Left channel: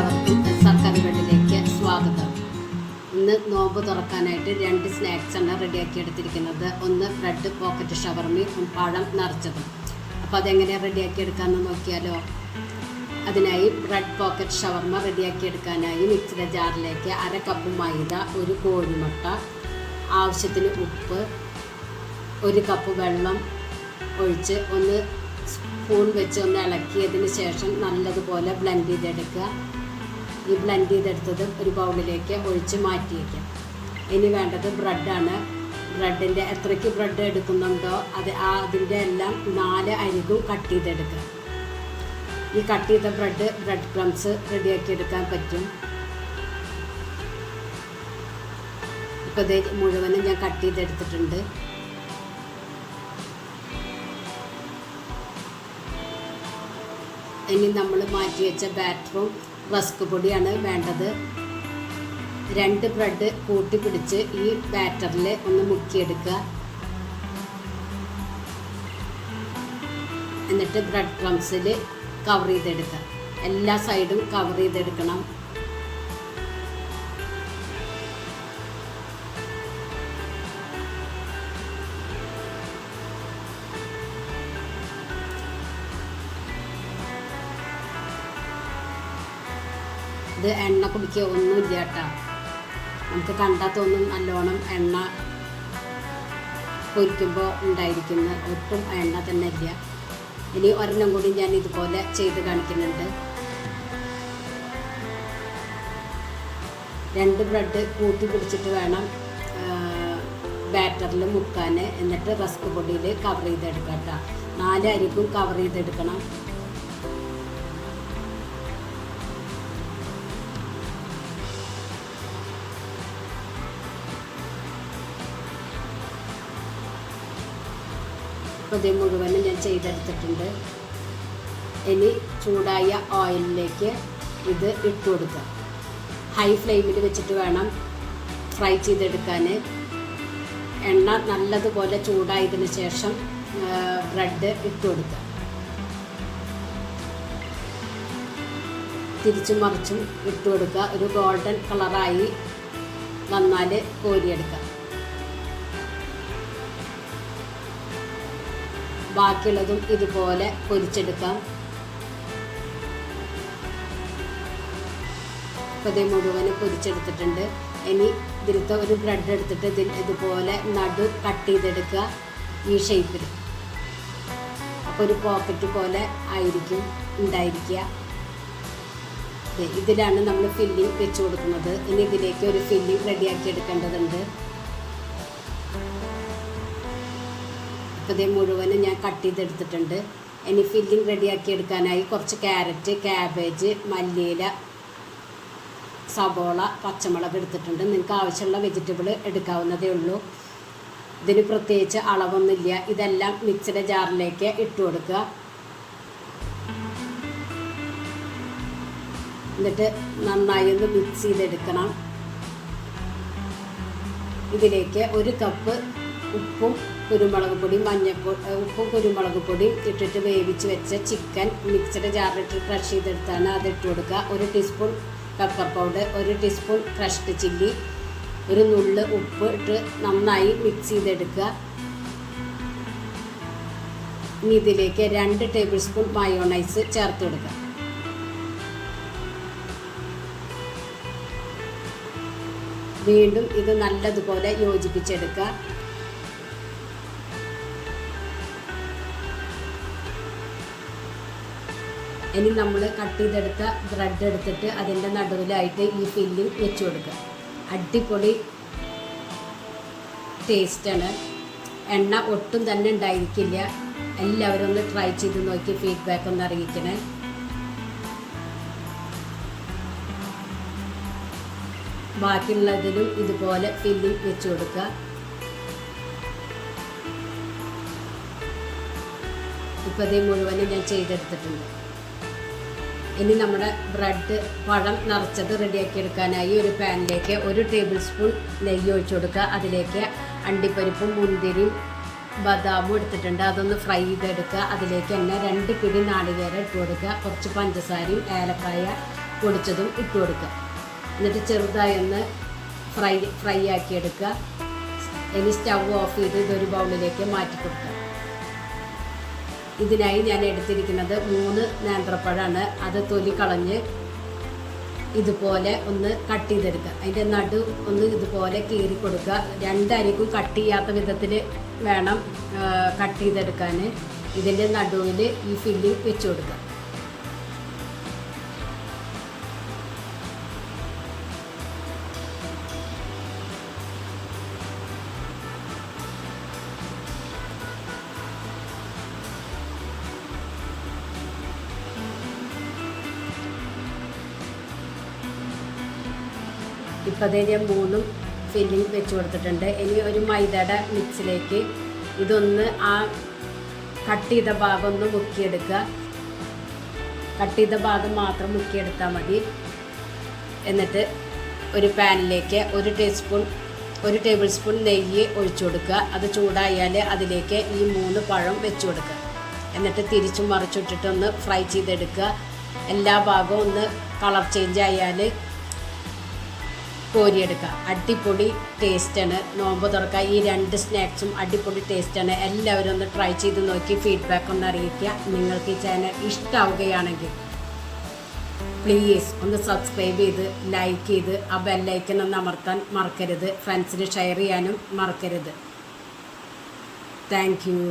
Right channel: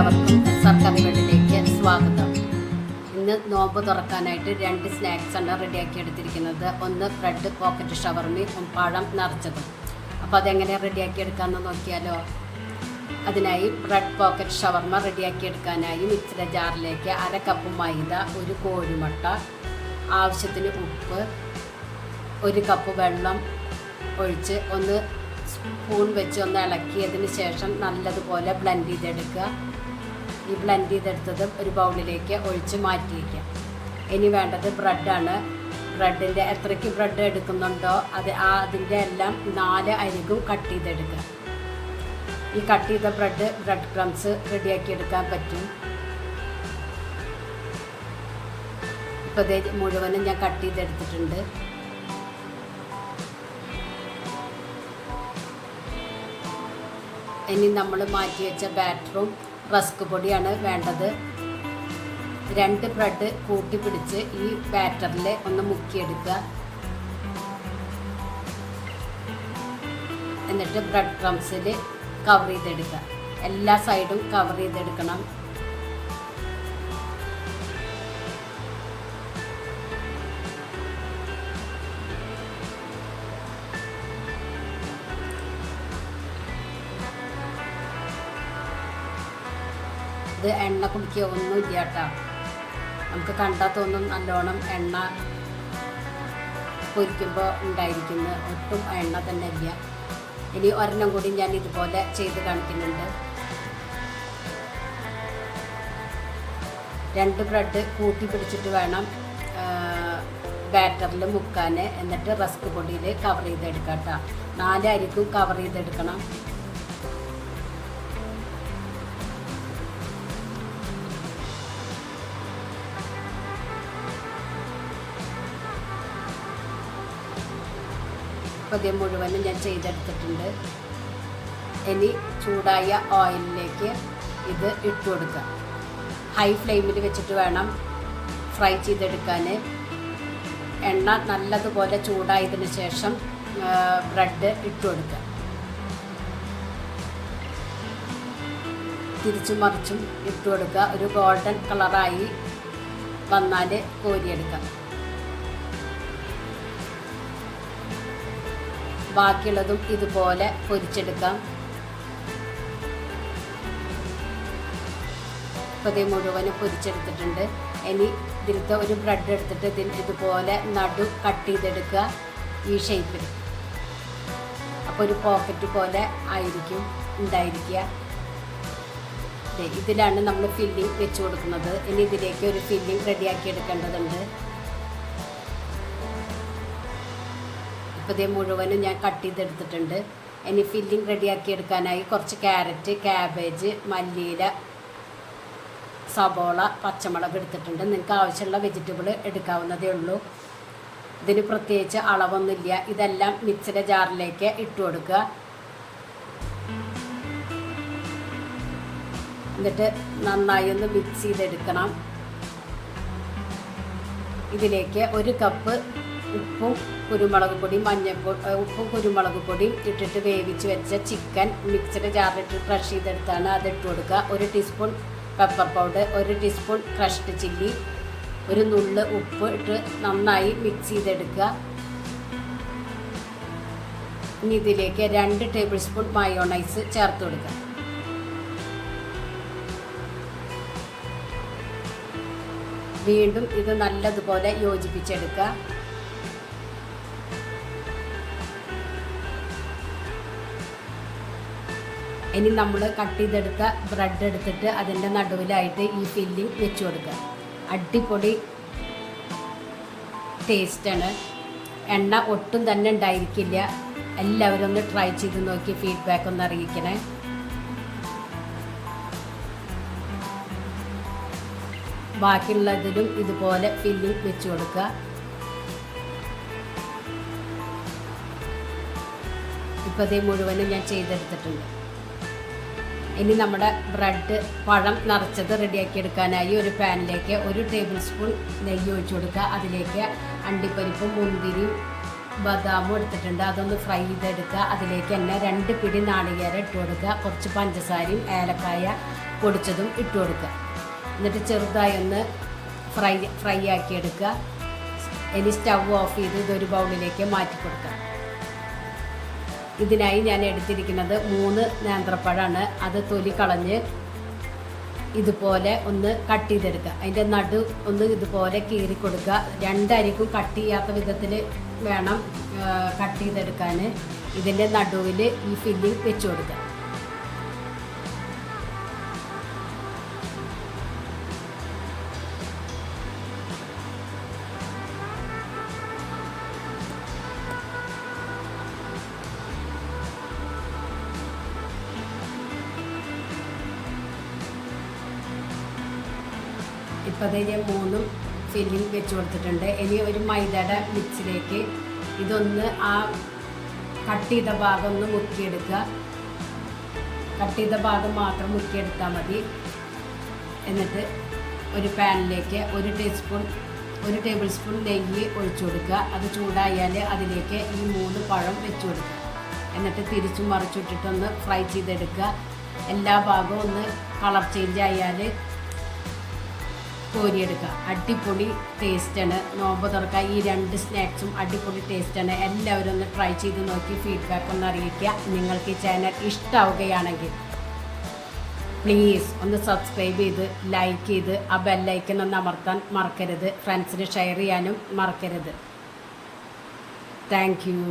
എല്ലാവർക്കും SR കറിവേണ്ടിലേക്ക് സ്വാഗതം. ഇന്ന് നോമ്പ് തുറക്കാനായിട്ട് 2 സ്നാക്സാണ് റെഡിയാക്കി എടുത്തിരിക്കുന്നത്. ഒന്ന് ബ്രെഡ് പോക്കറ്റ് ഷവർമയും പഴം നിറച്ചതും. അപ്പോൾ അതെങ്ങനെ റെഡിയാക്കി എടുക്കാമെന്ന് നോക്കിയാലോ. അതിനായി ബ്രെഡ് പോക്കറ്റ് ഷവർമ റെഡിയാക്കി എടുക്കാനായി മിക്സിയുടെ ജാറിലേക്ക് 1/2 കപ്പ് മൈദ, 1 കോഴിമുട്ട, ആവശ്യത്തിന് ഉപ്പ്, 1 കപ്പ് വെള്ളം ഒഴിച്ച് ഒന്ന് സ്പൂൺ വെച്ച് ഒന്ന് ഇളക്കിയതിന് ശേഷം നല്ലതുപോലെ ബ്ലെൻഡ് ചെയ്തെടുക്കുക. ഈ ബ്ലെൻഡ് ചെയ്തെടുത്തത് ഒരു ബൗളിലേക്ക് ഒഴിച്ച് മാറ്റി വയ്ക്കുക. ഇനി വേണ്ടത് ബ്രെഡാണ്. ബ്രെഡിൻ്റെ എത്രയ്ക്ക് ബ്രെഡ് എടുക്കുന്നുണ്ടോ അതിൻ്റെ എല്ലാം 4 അരികും കട്ട് ചെയ്തെടുക്കുക. ഈ കട്ട് ചെയ്ത ബ്രെഡ് ക്രംസ് റെഡിയാക്കി എടുക്കാൻ പറ്റും. ഇപ്പോൾ ഇത് മുഴുവനും ഞാൻ കട്ട് ചെയ്തെടുത്തിട്ടുണ്ട്. ഇനി നമ്മൾ മാറ്റി വെച്ച ബാറ്ററും റസ്ക് പൊടിയാണ് വേണ്ടത്. 2 ബ്രെഡ് കൂട്ടി പിടിച്ച് ഈ ബാറ്ററിൽ ഒന്ന് മുക്കിയെടുക്കുക. എന്നിട്ട് ബ്രെഡ് ക്രംസിൽ കവർ ചെയ്തെടുക്കുക. എല്ലാ സൈഡും കവർ ചെയ്തെടുക്കണം. ഇത് എണ്ണ കുടിക്കുക ഒന്നുമില്ല കേട്ടോ. നമുക്ക് കണ്ടാൽ തോന്നും നല്ലോണം എണ്ണ പൊരിക്കുമ്പോൾ ഉണ്ടായിരിക്കുന്നു. ഒട്ടും എണ്ണ തന്നെ ഇല്ല. ഇനി ഒരെണ്ണം കൂടി ഞാൻ ഇതുപോലെ ചെയ്ത് കാണിക്കുന്നുണ്ട്. 2 ബ്രെഡ് കൂട്ടി പിടിച്ചിട്ട് വേണം ബാറ്ററിൽ മുക്കാൻ. എന്നിട്ട് റസ്ക് പൊടിയിൽ കവർ ചെയ്തെടുക്കാം കേട്ടോ. 4 അരിക്കും കവർ ചെയ്തെടുക്കണം. അപ്പോൾ ഇത് മുഴുവനും ഞാൻ ചെയ്തെടുത്തിട്ടുണ്ട്. ഇനി ചൂടായ ഓയിലിലേക്ക് ഇത് ഇട്ട് കൊടുക്കുക. ഹൈ ഫ്ലെയിമിൽ വെച്ചിട്ട് വേണം ഫ്രൈ ചെയ്തെടുക്കാൻ. എണ്ണ നല്ലതുപോലെ ചൂടായതിന് ശേഷം ബ്രെഡ് ഇട്ട് കൊടുക്കുക. തിരിച്ചും മറിച്ചും ഇട്ട് കൊടുക്കുക. ഒരു ഗോൾഡൻ കളറായി വന്നാൽ കോരിയെടുക്കാം. ബാക്കിയുള്ളതും ഇതുപോലെ പൊരിച്ചെടുക്കാം. അപ്പോൾ ഇത് മുഴുവനും പൊരിച്ചെടുത്തിട്ടുണ്ട്. ഇനി ഇതിലത്തെ ഒരു ബ്രെഡ് എടുത്തിട്ട് ഇതുപോലെ നടു കട്ട് ചെയ്തെടുക്കുക ഈ ഷേപ്പിൽ. അപ്പോൾ ഒരു പോക്കറ്റ് പോലെ ആയിരിക്കും ഉണ്ടായിരിക്കുക. ഇതിലാണ് നമ്മൾ ഫില്ലിങ് വെച്ച് കൊടുക്കുന്നത്. ഇനി ഇതിലേക്ക് ഒരു ഫില്ലിങ് റെഡിയാക്കി എടുക്കേണ്ടതുണ്ട്. ഇപ്പോൾ ഇത് മുഴുവനും ഞാൻ കട്ട് ചെയ്തെടുത്തിട്ടുണ്ട്. ഇനി ഫില്ലിങ് റെഡിയാക്കി എടുക്കാനായി കുറച്ച് ക്യാരറ്റ്, ക്യാബേജ്, മല്ലിയില, സബോള, പച്ചമുളക് എടുത്തിട്ടുണ്ട്. നിങ്ങൾക്ക് ആവശ്യമുള്ള വെജിറ്റബിൾ എടുക്കാവുന്നതേ ഉള്ളൂ. ഇതിന് പ്രത്യേകിച്ച് അളവൊന്നുമില്ല. ഇതെല്ലാം മിക്സിയുടെ ജാറിലേക്ക് ഇട്ട് കൊടുക്കുക. എന്നിട്ട് നന്നായി ഒന്ന് മിക്സ് ചെയ്തെടുക്കണം. ഇതിലേക്ക് 1 കപ്പ് ഉപ്പും കുരുമുളക് പൊടിയും ഉപ്പും കുരുമുളക് പൊടിയും ഇട്ടിട്ട് വേവിച്ച് വെച്ച ചിക്കൻ മിക്സിയുടെ ജാറിലിട്ട് ക്രഷ് ചെയ്തെടുത്താണ് അതിട്ട് കൊടുക്കുക. 1 teaspoon pepper powder, 1 teaspoon crushed chilli, 1 നുള്ള് ഉപ്പ് ഇട്ട് നന്നായി മിക്സ് ചെയ്തെടുക്കുക. ഇനി ഇതിലേക്ക് 2 ടേബിൾ സ്പൂൺ മയോണൈസ് ചേർത്ത് കൊടുക്കുക. വീണ്ടും ഇത് നല്ലതുപോലെ യോജിപ്പിച്ചെടുക്കുക. ഇനി നമ്മൾ കട്ട് ചെയ്തെടുത്ത ബ്രെഡ് എടുത്തിട്ട് അതിൻ്റെ നടുവിലായിട്ട് ഈ ഫില്ലിങ് വെച്ച് കൊടുക്കുക. അടിപൊളി ടേസ്റ്റാണ്. എണ്ണ ഒട്ടും തന്നെ ഉണ്ടായിരിക്കില്ല. എല്ലാവരും ഒന്ന് ട്രൈ ചെയ്ത് നോക്കി ഫീഡ്ബാക്ക് ഒന്ന് അറിയിക്കണേ. ബാക്കിയുള്ളതിലും ഇതുപോലെ ഫില്ലിങ് വെച്ച് കൊടുക്കുക. ഇപ്പോൾ ഇത് മുഴുവനും ഞാൻ ചെയ്തെടുത്തിട്ടുണ്ട്. ഇനി നമ്മുടെ ബ്രെഡ് പഴം നിറച്ചത് റെഡിയാക്കി എടുക്കാനായി ഒരു പാനിലേക്ക് 1 ടേബിൾ സ്പൂൺ നെയ്യ് ഒഴിച്ചു കൊടുക്കുക. അതിലേക്ക് അണ്ടിപ്പരിപ്പും മുന്തിരിയും ബദാമും എടുത്തിട്ടുണ്ട്. അതൊന്ന് ഫ്രൈ ചെയ്തെടുക്കുക. അതിലേക്ക് തന്നെ 2 പിടി നാളികേരം ഇട്ട് കൊടുക്കുക. കുറച്ച് പഞ്ചസാരയും ഏലക്കായ പൊടിച്ചതും ഇട്ട് കൊടുക്കുക. എന്നിട്ട് ചെറുതായി ഒന്ന് ഫ്രൈ ആക്കി എടുക്കുക. ഇനി സ്റ്റവ് ഓഫ് ചെയ്ത് ഇതൊരു ബൗളിലേക്ക് മാറ്റി കൊടുക്കുക. ഇതിനായി ഞാൻ എടുത്തിരിക്കുന്നത് 3 നേന്ത്രപ്പഴമാണ്. അത് തൊലി കളഞ്ഞ് ഇതുപോലെ ഒന്ന് കട്ട് ചെയ്തെടുക്കുക. അതിൻ്റെ നടു ഒന്ന് ഇതുപോലെ കീറി കൊടുക്കുക. 2 അരിക്കും കട്ട് ചെയ്യാത്ത വിധത്തിൽ വേണം കട്ട് ചെയ്തെടുക്കാൻ. ഇതിൻ്റെ നടുവിൽ ഈ ഫില്ലിങ് വെച്ച് കൊടുക്കുക. ഇപ്പോൾ അതിന് 3 ഫില്ലിങ് വെച്ച് കൊടുത്തിട്ടുണ്ട്. ഇനി ഒരു മൈദയുടെ മിക്സിലേക്ക് ഇതൊന്ന് ആ കട്ട് ചെയ്ത ഭാഗം ഒന്ന് മുക്കിയെടുക്കുക. കട്ട് ചെയ്ത ഭാഗം മാത്രം മുക്കിയെടുത്താൽ മതി. എന്നിട്ട് ഒരു പാനിലേക്ക് 1 ടേബിൾ സ്പൂൺ നെയ്യ് ഒഴിച്ചു കൊടുക്കുക. അത് ചൂടായാൽ അതിലേക്ക് ഈ 3 പഴം വെച്ച് കൊടുക്കുക. എന്നിട്ട് തിരിച്ചും മറിച്ചിട്ടിട്ടൊന്ന് ഫ്രൈ ചെയ്തെടുക്കുക. എല്ലാ ഭാഗവും ഒന്ന് കളർ ചേഞ്ച് ആയാൽ കോരിയെടുക്കുക. അടിപൊളി ടേസ്റ്റാണ്. നോമ്പ് തുറക്കുക ഈ 2 സ്നാക്സും അടിപൊളി ടേസ്റ്റാണ്. എല്ലാവരും ഒന്ന് ട്രൈ ചെയ്ത് നോക്കി ഫീഡ്ബാക്ക് ഒന്ന് അറിയിക്കുക. നിങ്ങൾക്ക് ഈ ചാനൽ ഇഷ്ടമാവുകയാണെങ്കിൽ പ്ലീസ് ഒന്ന് സബ്സ്ക്രൈബ് ചെയ്ത് ലൈക്ക് ചെയ്ത് ആ ബെല്ലൈക്കൺ ഒന്ന് അമർത്താൻ മറക്കരുത്. ഫ്രണ്ട്സിന് ഷെയർ ചെയ്യാനും മറക്കരുത്. Thank you.